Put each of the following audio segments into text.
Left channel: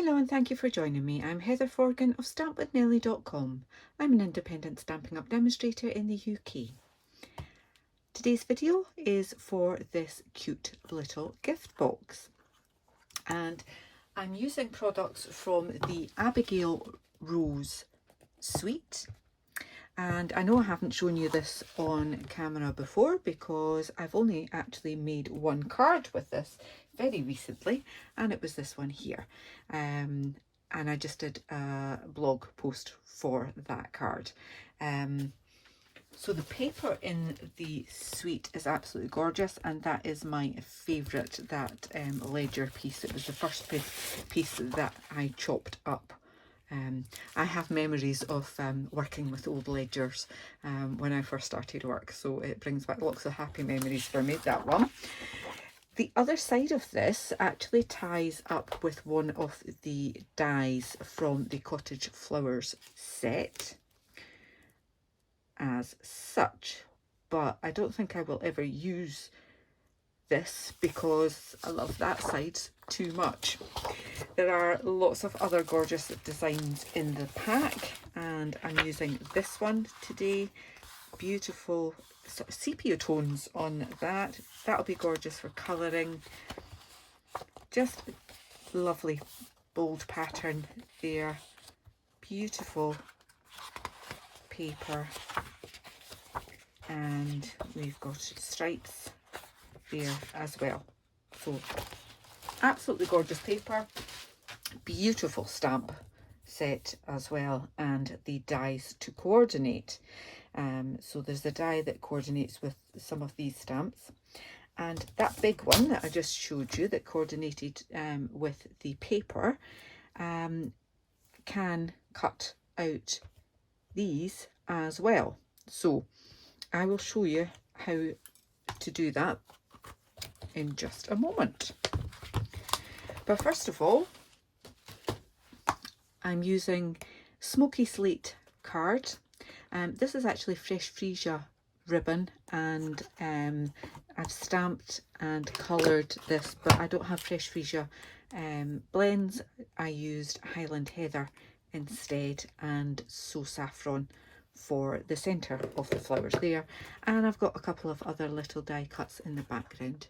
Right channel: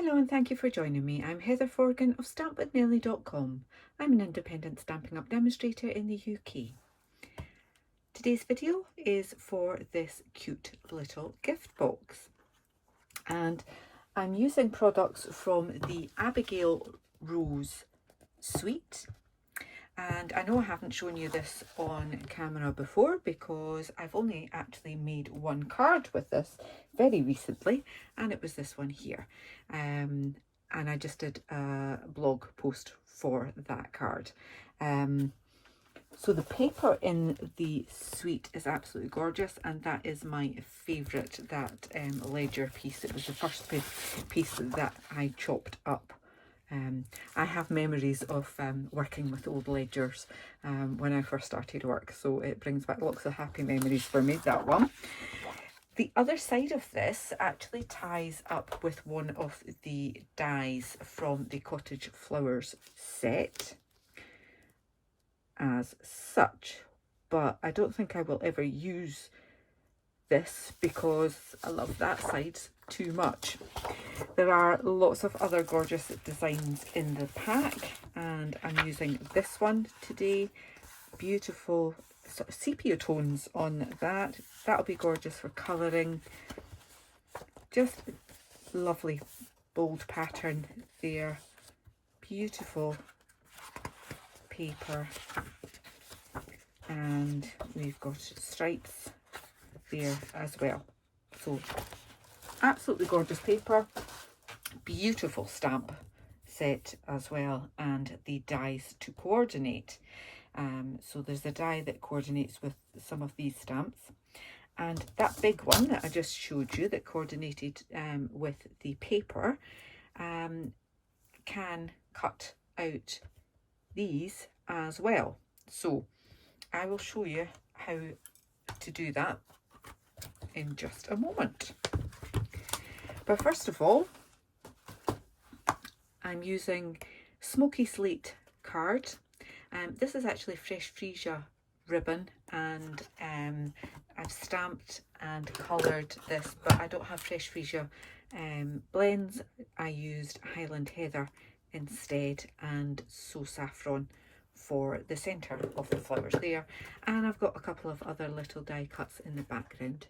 Hello and thank you for joining me. I'm Heather Forgan of stampwithnellie.com. I'm an independent Stampin' Up demonstrator in the UK. Today's video is for this cute little gift box, and I'm using products from the Abigail Rose suite. And I know I haven't shown you this on camera before because I've only actually made one card with this very recently, and it was this one here. And I just did a blog post for that card. So the paper in the suite is absolutely gorgeous, and that is my favourite, that ledger piece. It was the first piece that I chopped up. I have memories of working with old ledgers when I first started work, so it brings back lots of happy memories for me, that one. The other side of this actually ties up with one of the dies from the Cottage Flowers set as such, but I don't think I will ever use this because I love that side too much. There are lots of other gorgeous designs in the pack, and I'm using this one today. Beautiful sort of sepia tones on that. That'll be gorgeous for colouring. Just lovely bold pattern there. Beautiful paper, and we've got stripes there as well. So absolutely gorgeous paper, beautiful stamp set as well, and the dies to coordinate. So there's a die that coordinates with some of these stamps, and that big one that I just showed you that coordinated with the paper can cut out these as well. So I will show you how to do that in just a moment. But first of all, I'm using Smoky Slate card. This is actually Fresh Freesia ribbon, and I've stamped and coloured this, but I don't have Fresh Freesia blends. I used Highland Heather instead, and So Saffron for the centre of the flowers there, and I've got a couple of other little die cuts in the background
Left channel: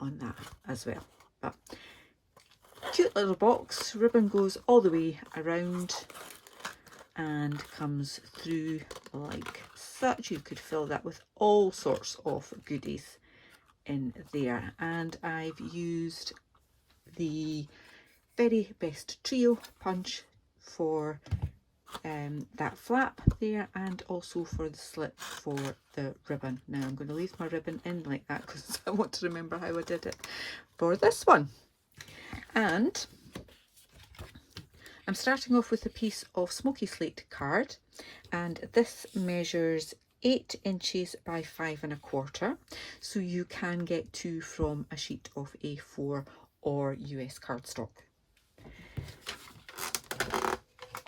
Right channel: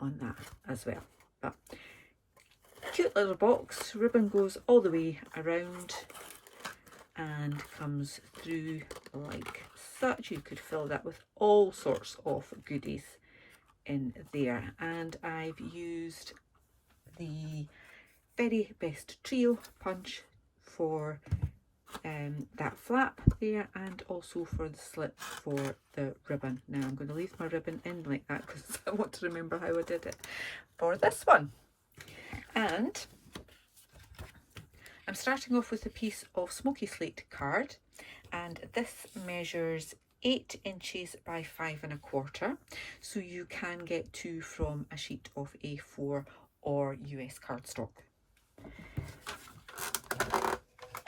on that as well. But cute little box, ribbon goes all the way around and comes through like such. You could fill that with all sorts of goodies in there, and I've used the Very Best Trio punch for that flap there, and also for the slit for the ribbon. Now I'm going to leave my ribbon in like that because I want to remember how I did it for this one. And I'm starting off with a piece of Smoky Slate card, and this measures 8 inches by 5 1/4, so you can get 2 from a sheet of A4 or US cardstock.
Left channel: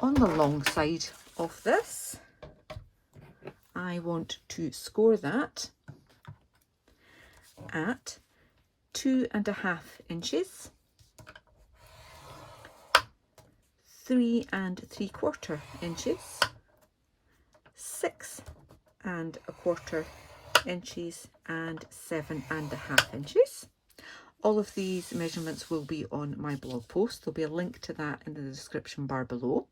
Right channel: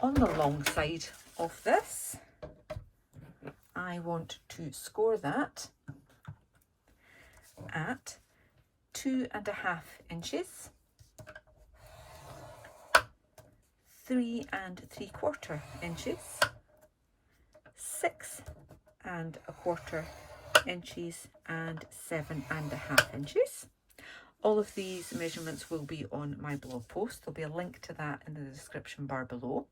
On the long side of this, I want to score that at 2 1/2 inches, 3 3/4 inches, 6 1/4 inches, and 7 1/2 inches. All of these measurements will be on my blog post. There'll be a link to that in the description bar below.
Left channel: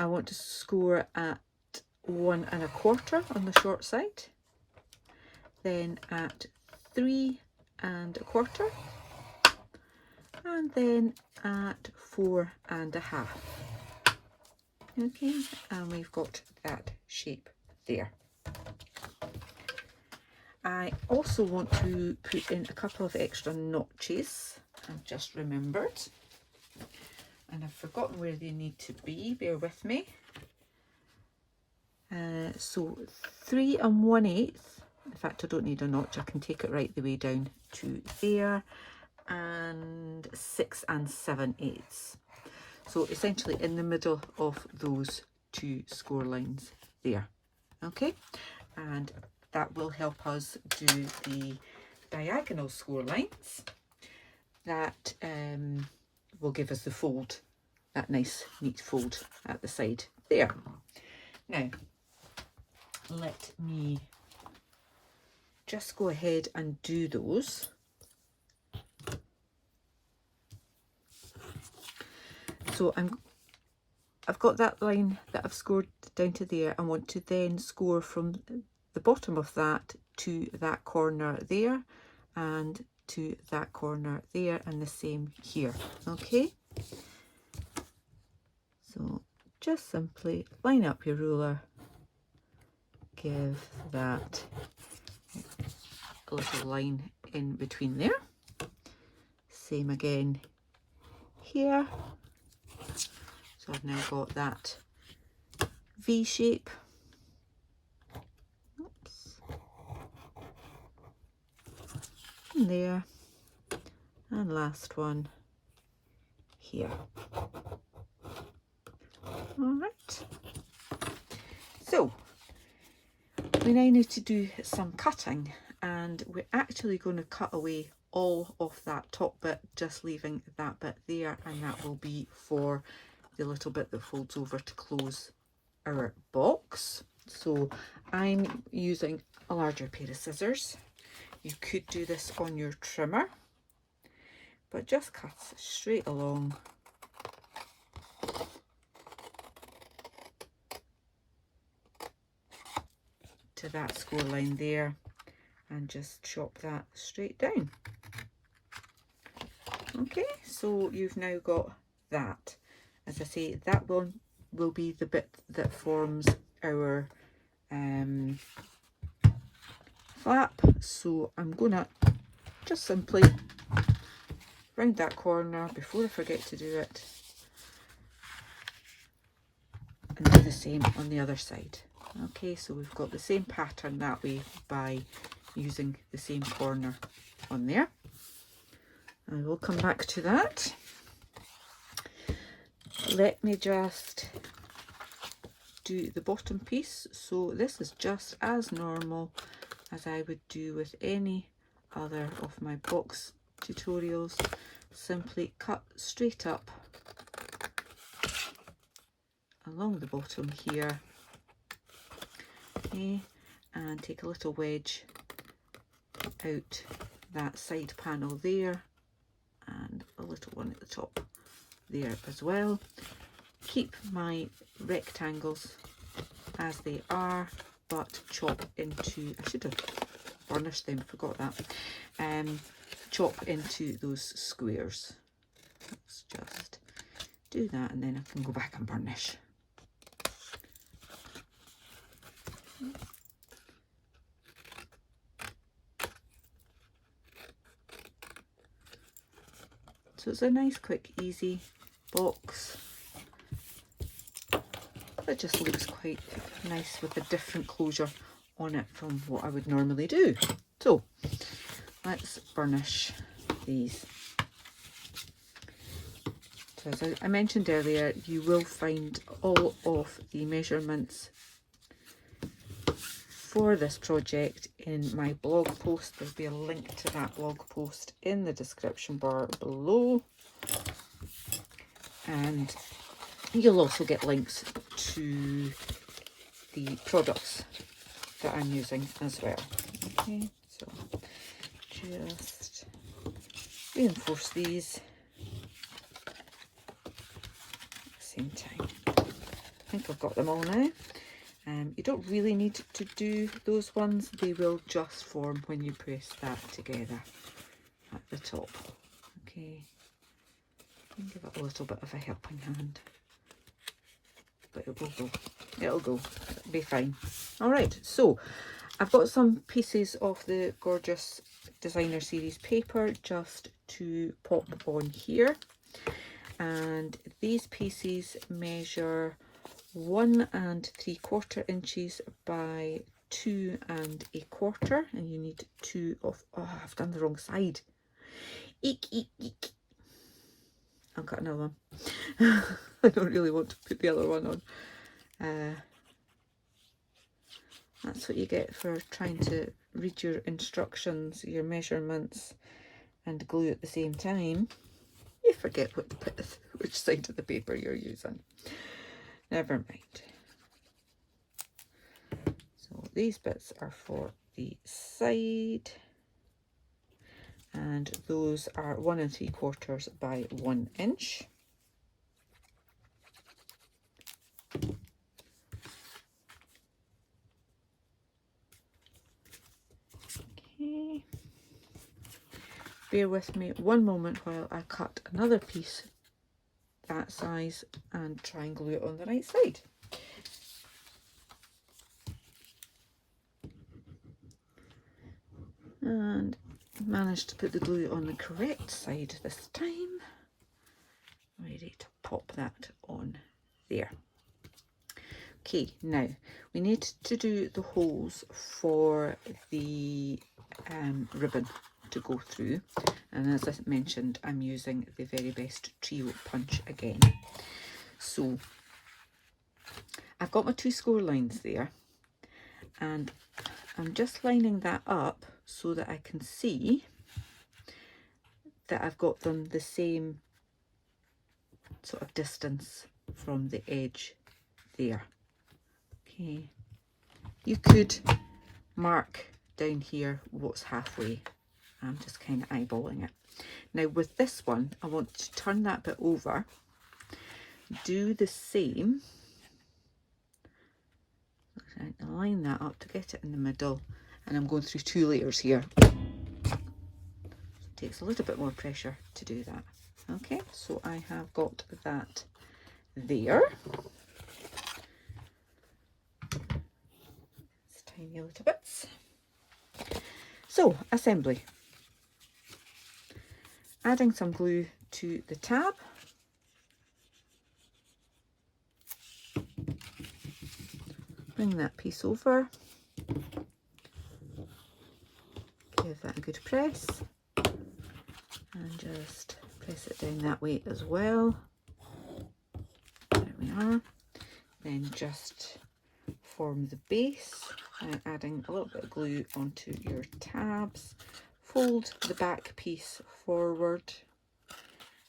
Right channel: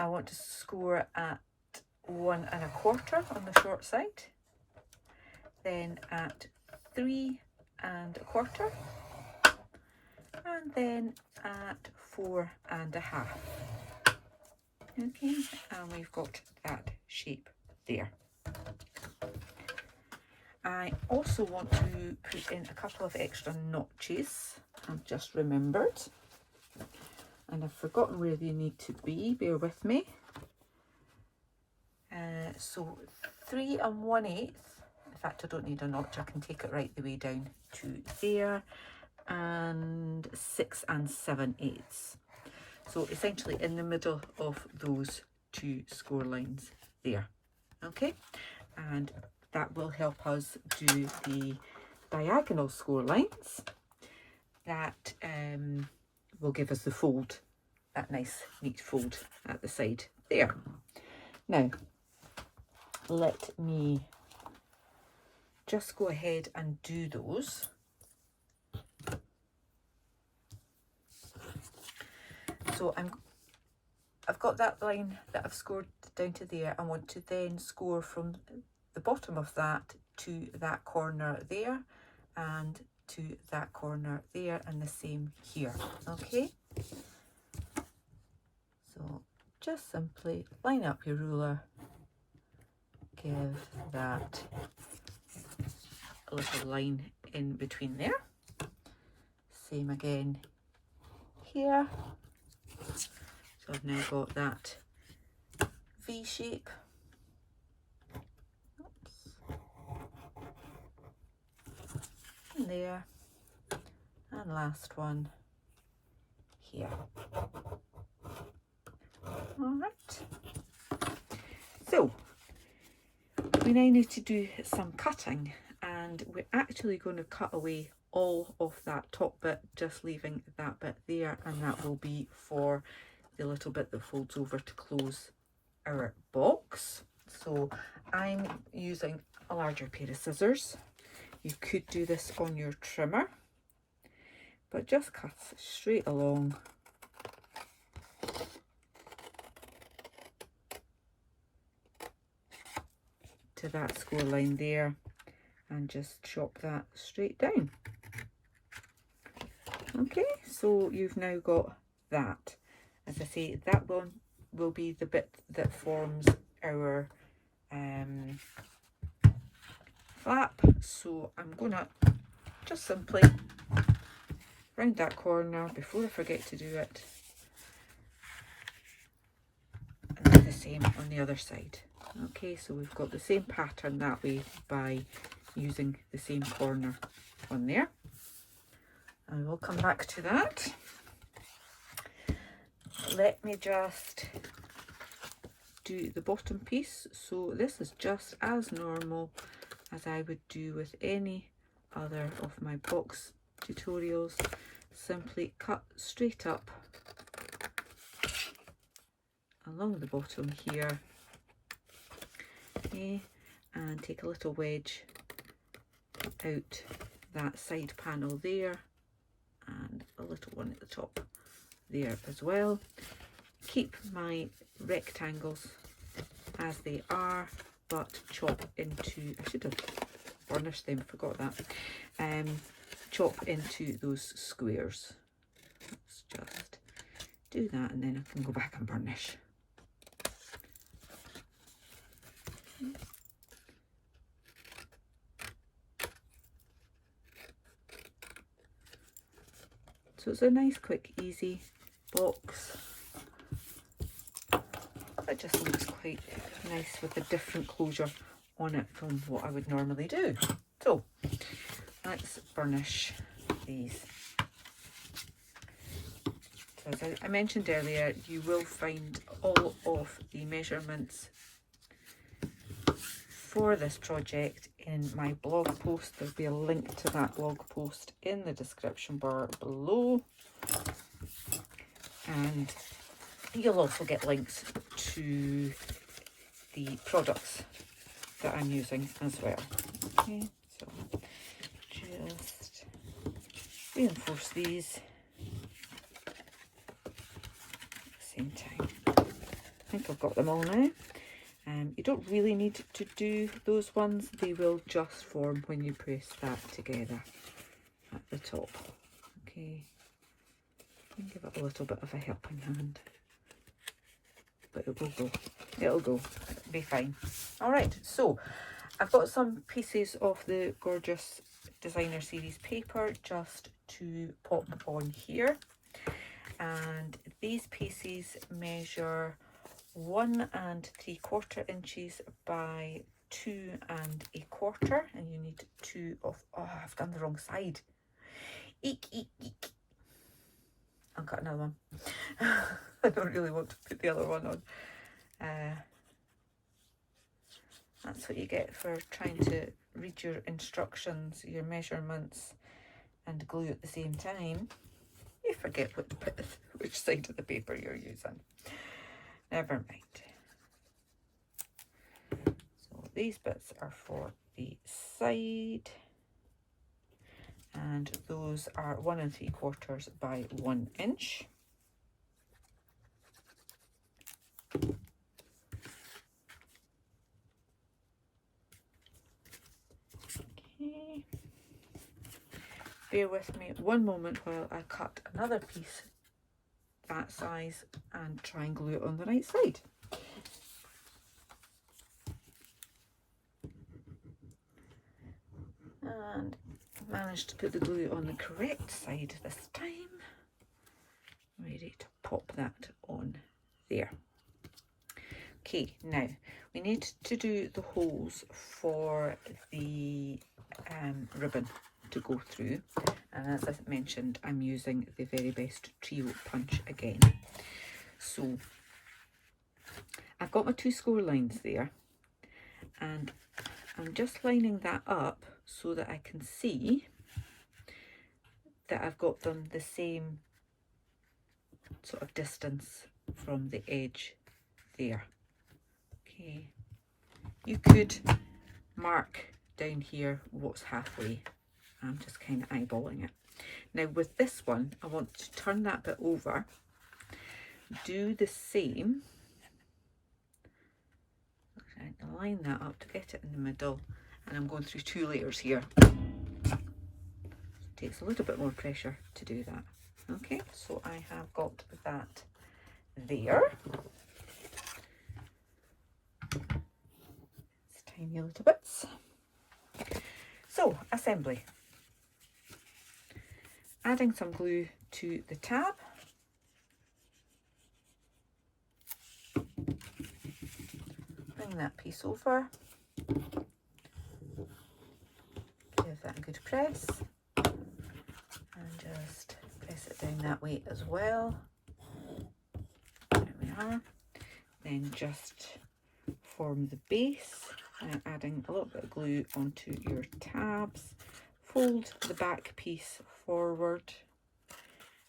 I want to score at 1 1/4 on the short side, then at 3 1/4, and then at 4 1/2. Okay, and we've got that shape there. I also want to put in a couple of extra notches. I've just remembered, and I've forgotten where they need to be. Bear with me. So 3 1/8. In fact, I don't need a notch. I can take it right the way down to there, and 6 7/8. So essentially in the middle of those two score lines there. Okay, and that will help us do the diagonal score lines that will give us the fold, that nice neat fold at the side there. Now let me just go ahead and do those. So I've got that line that I've scored down to there. I want to then score from the bottom of that to that corner there, and to that corner there, and the same here. Okay, so just simply line up your ruler, give that a little line in between there. Same again here. So I've now got that V shape. Oops. And there, and last one here. Alright, so we now need to do some cutting, and we're actually going to cut away all of that top bit, just leaving that bit there, and that will be for the little bit that folds over to close our box. So I'm using a larger pair of scissors. You could do this on your trimmer, but just cut straight along to that score line there, and just chop that straight down. Okay, so you've now got that. As I say, that one will be the bit that forms our flap. So I'm gonna just simply round that corner before I forget to do it, and do the same on the other side. Okay, so we've got the same pattern that way by using the same corner on there. I will come back to that. Let me just do the bottom piece. So this is just as normal as I would do with any other of my box tutorials. Simply cut straight up along the bottom here, okay, and take a little wedge out that side panel there, and a little one at the top there as well. Keep my rectangles as they are, but chop into, I should have burnished them, forgot that, chop into those squares. Let's just do that, and then I can go back and burnish. So it's a nice, quick, easy box that just looks quite nice with a different closure on it from what I would normally do. So let's burnish these. So as I mentioned earlier, you will find all of the measurements for this project in my blog post. There'll be a link to that blog post in the description bar below, and you'll also get links to the products that I'm using as well. Okay, so just reinforce these at the same time. I think I've got them all now. You don't really need to do those ones, they will just form when you press that together at the top. Okay, give it a little bit of a helping hand, but it will go, it'll be fine. All right, so I've got some pieces of the gorgeous designer series paper just to pop on here, and these pieces measure 1 3/4 inches by 2 1/4, and you need 2 of, oh, I've done the wrong side. Eek, eek, eek. I'll cut another one. I don't really want to put the other one on. That's what you get for trying to read your instructions, your measurements, and glue at the same time. You forget which side of the paper you're using. Never mind. So these bits are for the side, and those are 1 3/4 by 1 inch. Okay. Bear with me one moment while I cut another piece that size and try and glue it on the right side. And managed to put the glue on the correct side this time. Ready to pop that on there. Okay, now we need to do the holes for the ribbon to go through, and as I mentioned, I'm using the Very Best Trio punch again. So I've got my 2 score lines there, and I'm just lining that up so that I can see that I've got them the same sort of distance from the edge there. Okay, you could mark down here what's halfway. I'm just kind of eyeballing it. Now with this one, I want to turn that bit over, do the same, line that up to get it in the middle, and I'm going through 2 layers here. It takes a little bit more pressure to do that. Okay, so I have got that there. It's tiny little bits. So, assembly. Adding some glue to the tab. Bring that piece over. Give that a good press. And just press it down that way as well. There we are. Then just form the base, adding a little bit of glue onto your tabs. Fold the back piece forward,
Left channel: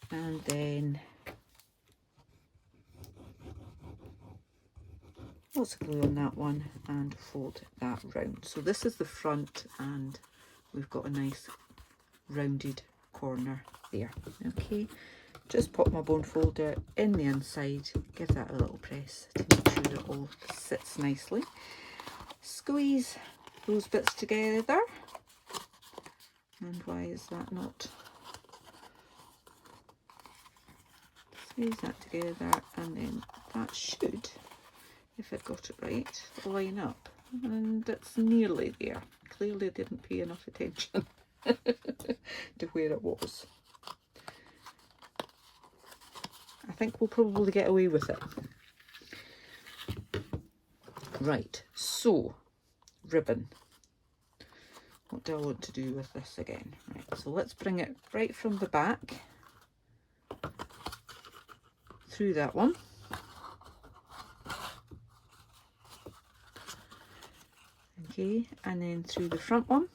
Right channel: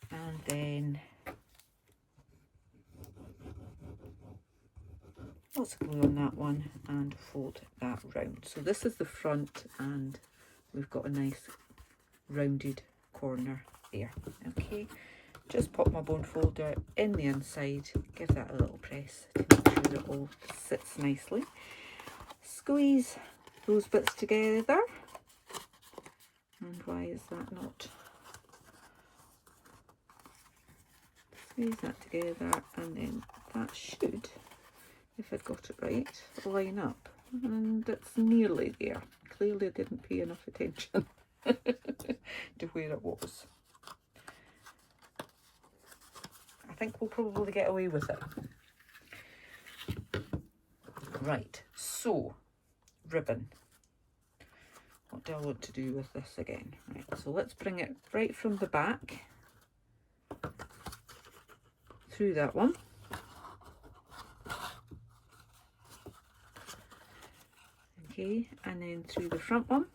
and then lots of glue on that one, and fold that round. So this is the front, and we've got a nice rounded corner there. Okay, just pop my bone folder in the inside, give that a little press to make sure it all sits nicely. Squeeze those bits together. And why is that not? Squeeze that together, and then that should, if I got it right, line up. And it's nearly there. Clearly didn't pay enough attention to where it was. I think we'll probably get away with it. Right, so ribbon. What do I want to do with this again? Right, so let's bring it right from the back through that one. Okay, and then through the front one.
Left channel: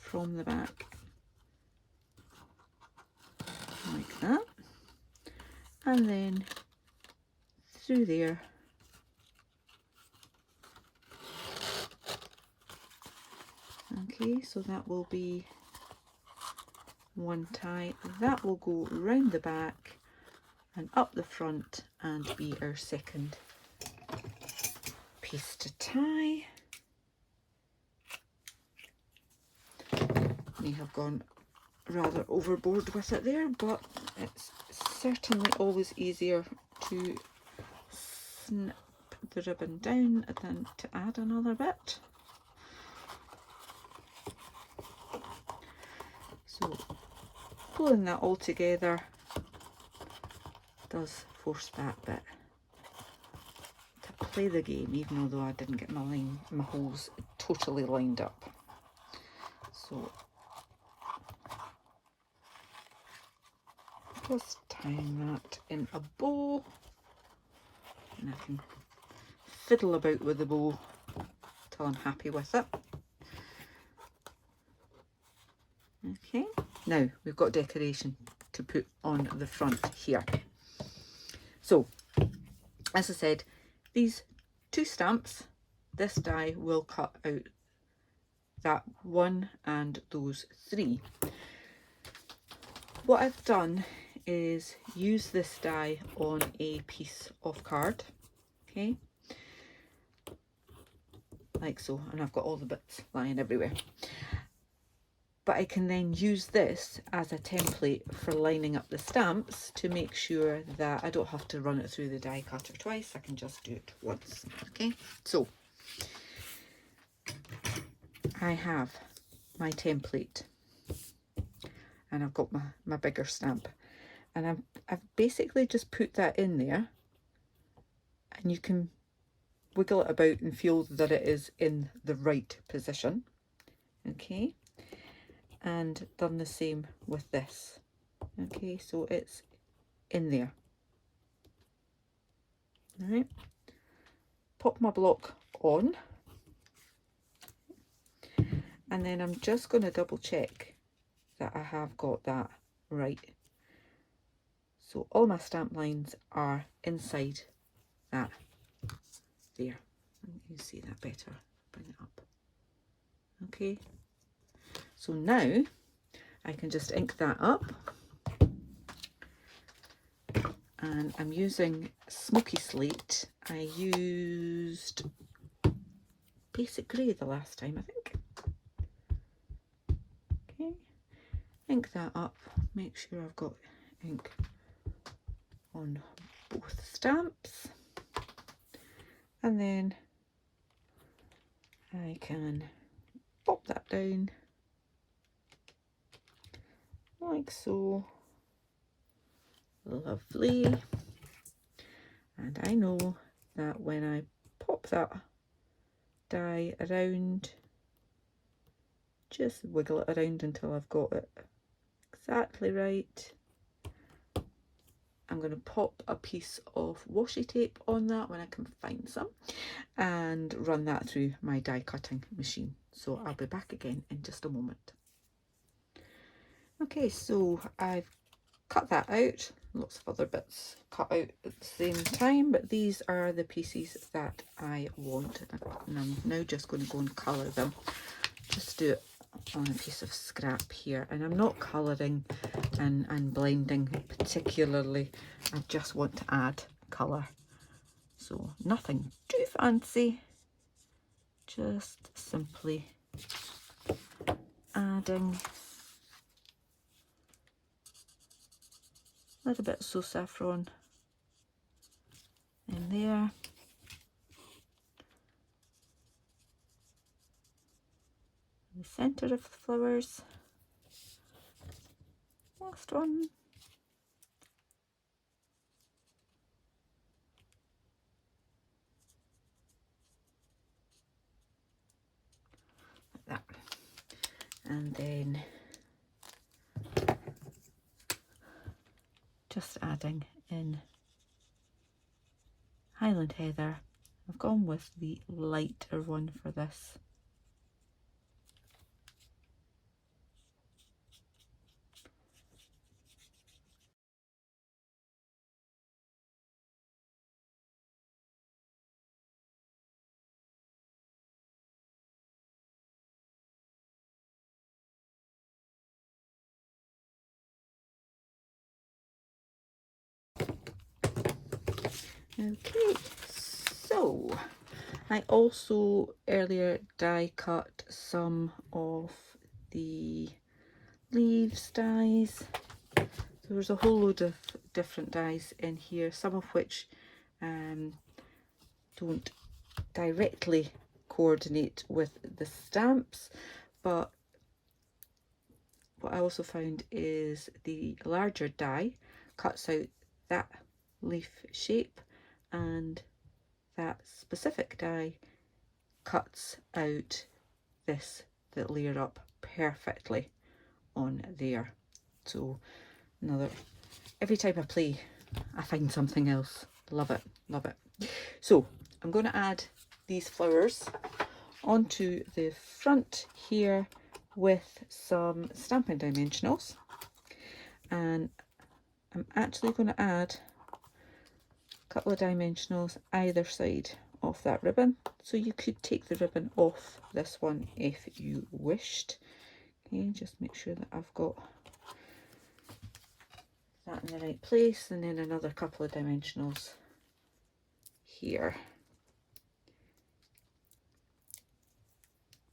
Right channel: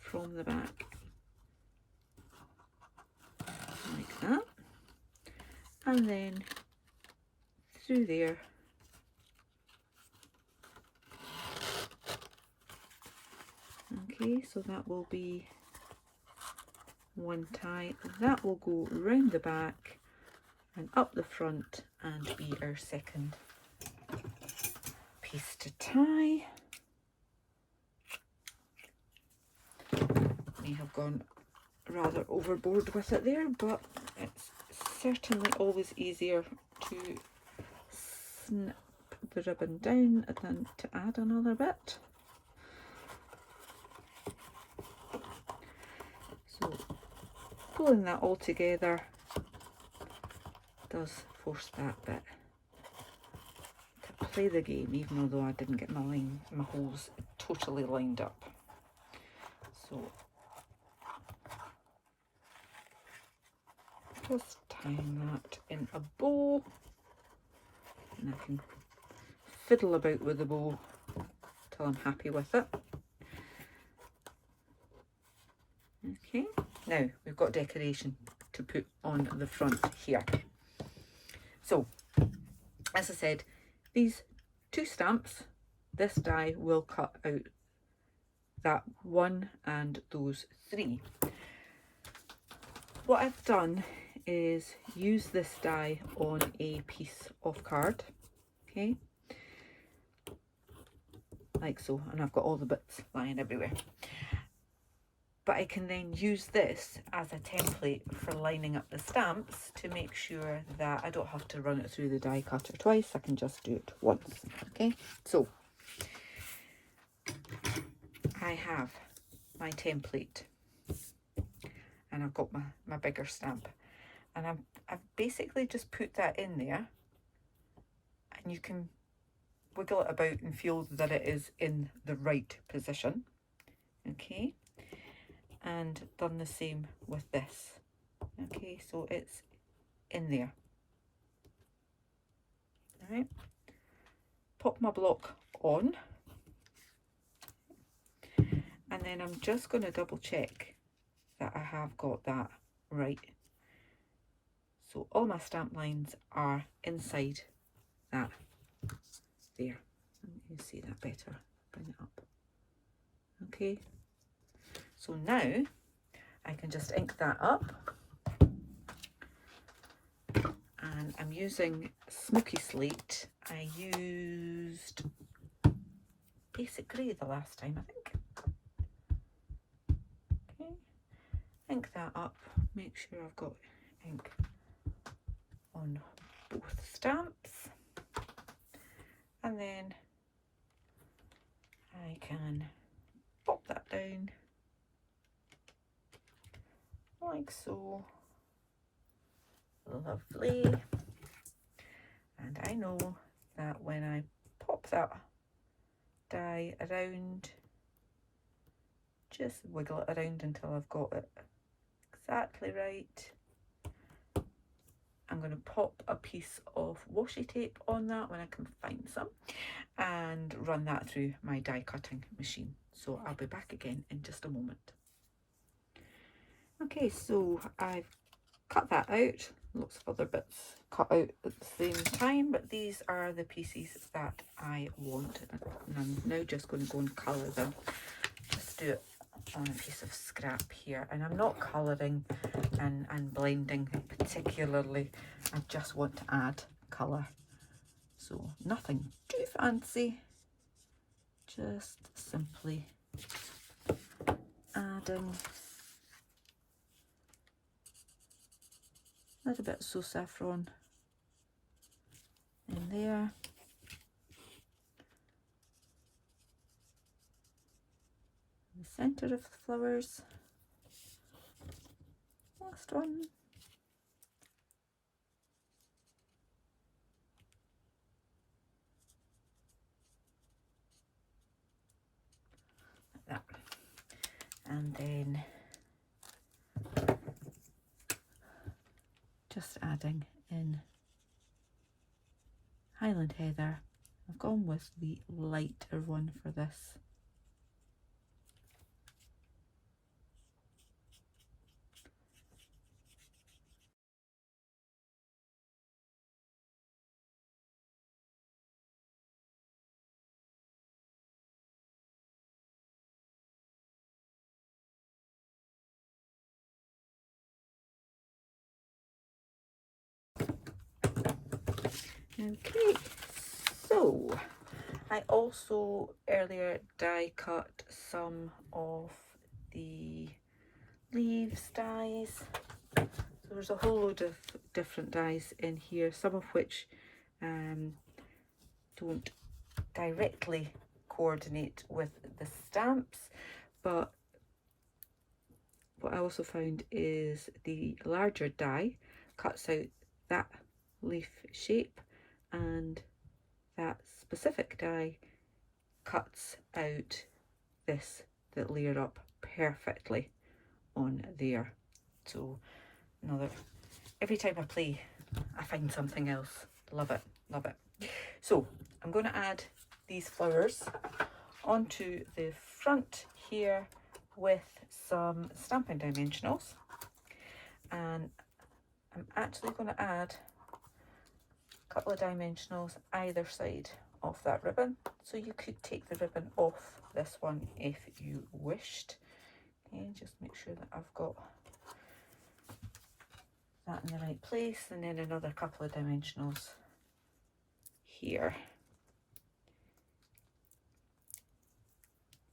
From the back. Like that. And then through there. Okay, so that will be one tie. That will go round the back and up the front and be our second piece to tie. We have gone rather overboard with it there, but it's certainly always easier to snip the ribbon down than to add another bit. So pulling that all together does force that bit to play the game, even although I didn't get my holes totally lined up. So just tying that in a bow, and I can fiddle about with the bow till I'm happy with it. Okay, now we've got decoration to put on the front here. So, as I said, these 2 stamps, this die will cut out that 1 and those 3. What I've done is use this die on a piece of card, okay, like so, and I've got all the bits lying everywhere. But I can then use this as a template for lining up the stamps to make sure that I don't have to run it through the die cutter twice. I can just do it once. Okay, so I have my template and I've got my bigger stamp, and I've basically just put that in there, and you can wiggle it about and feel that it is in the right position. Okay, and done the same with this. Okay, so it's in there. All right, pop my block on, and then I'm just going to double check that I have got that right. So all my stamp lines are inside that there. You can see that better. Bring it up. Okay, so now I can just ink that up, and I'm using Smoky Slate. I used Basic Grey the last time, I think. Okay, ink that up, make sure I've got ink on both stamps, and then I can pop that down like so. Lovely. And I know that when I pop that die around, just wiggle it around until I've got it exactly right. I'm going to pop a piece of washi tape on that when I can find some, and run that through my die cutting machine. So I'll be back again in just a moment. Okay, so I've cut that out. Lots of other bits cut out at the same time, but these are the pieces that I want, and I'm now just going to go and colour them. Just do it on a piece of scrap here, and I'm not colouring and blending particularly. I just want to add colour, so nothing too fancy, just simply adding a little bit of So Saffron in there. The centre of the flowers. Last one. Like that. And then just adding in Highland Heather. I've gone with the lighter one for this. Okay, so I also earlier die cut some of the leaves dies. So there's a whole load of different dies in here, some of which don't directly coordinate with the stamps, but what I also found is the larger die cuts out that leaf shape, and that specific die cuts out this that layer up perfectly on there. So every time I play I find something else. Love it, love it. So I'm going to add these flowers onto the front here with some Stampin' Dimensionals, and I'm actually going to add a couple of dimensionals either side of that ribbon, so you could take the ribbon off this one if you wished. Okay, just make sure that I've got that in the right place, and then another couple of dimensionals here.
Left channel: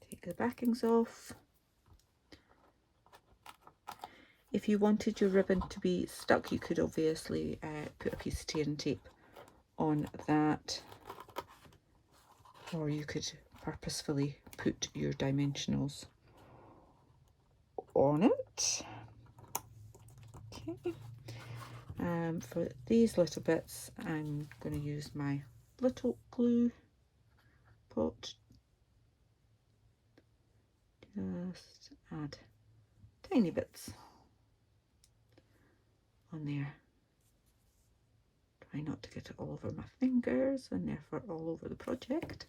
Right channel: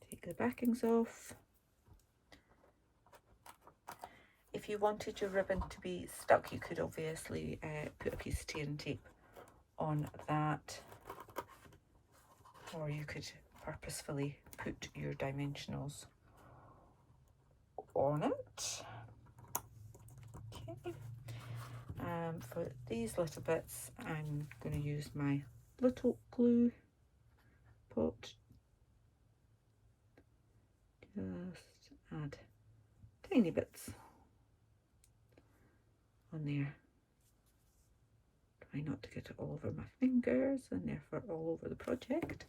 Take the backings off. If you wanted your ribbon to be stuck, you could obviously put a piece of tearing tape on that, or you could purposefully put your dimensionals on it. Okay. For these little bits, I'm going to use my little glue pot. Just add tiny bits on there. Try not to get it all over my fingers and therefore all over the project.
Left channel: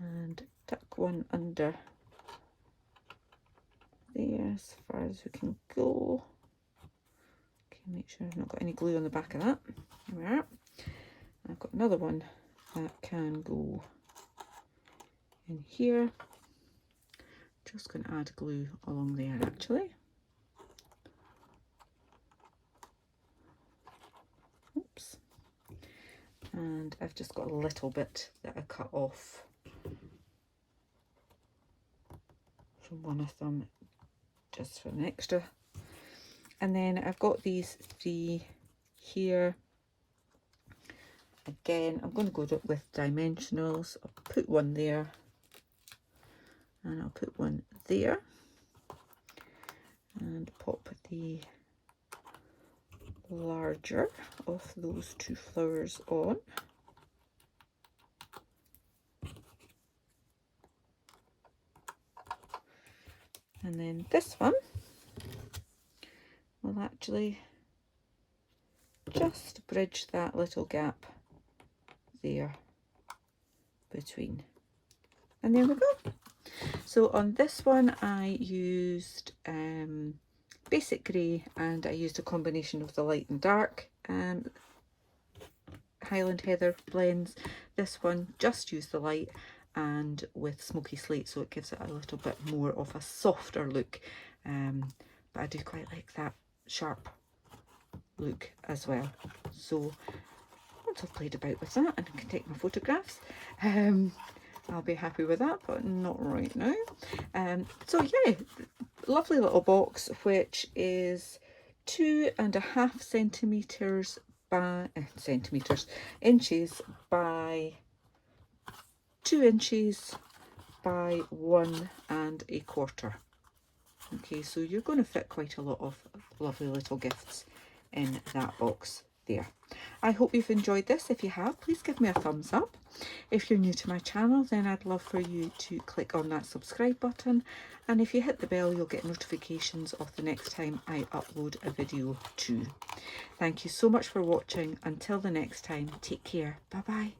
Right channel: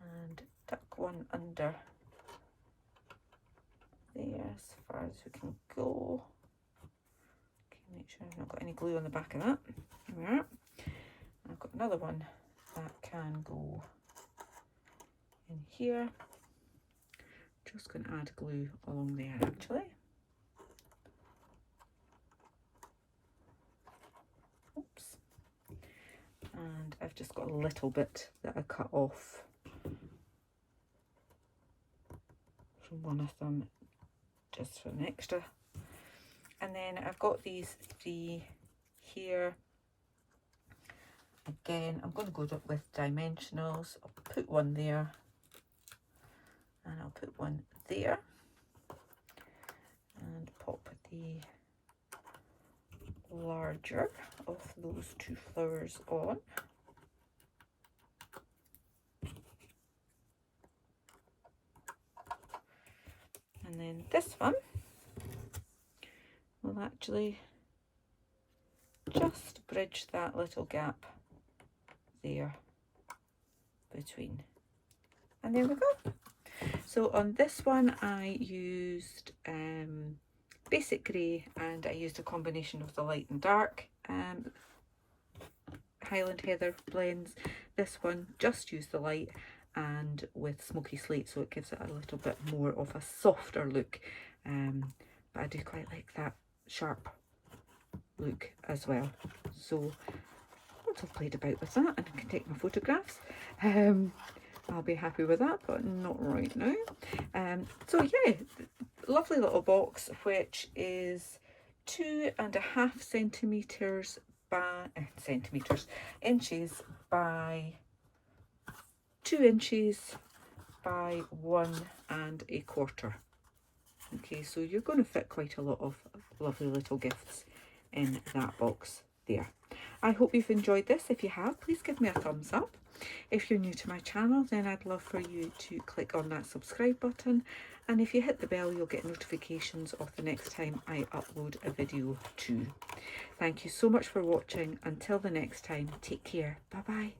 And tuck one under there as far as we can go. Okay, make sure I've not got any glue on the back of that. There we are. I've got another one that can go in here. Just going to add glue along there actually. Oops. And I've just got a little bit that I cut off from one of them just for an extra. And then I've got these three here. Again, I'm going to go with dimensionals. I'll put one there and I'll put one there and pop the larger of those two flowers on. And then this one will actually just bridge that little gap there between. And there we go. So on this one I used basic grey, and I used a combination of the light and dark Highland Heather blends. This one just used the light and with smoky slate, so it gives it a little bit more of a softer look, but I do quite like that sharp look as well. So once I've played about with that and I can take my photographs, I'll be happy with that, but not right now. So yeah, lovely little box, which is 2.5 centimeters by inches by 2 inches by 1.25. Okay, so you're going to fit quite a lot of lovely little gifts in that box there. I hope you've enjoyed this. If you have, please give me a thumbs up. If you're new to my channel, then I'd love for you to click on that subscribe button, and if you hit the bell, you'll get notifications of the next time I upload a video too. Thank you so much for watching. Until the next time, take care. Bye bye.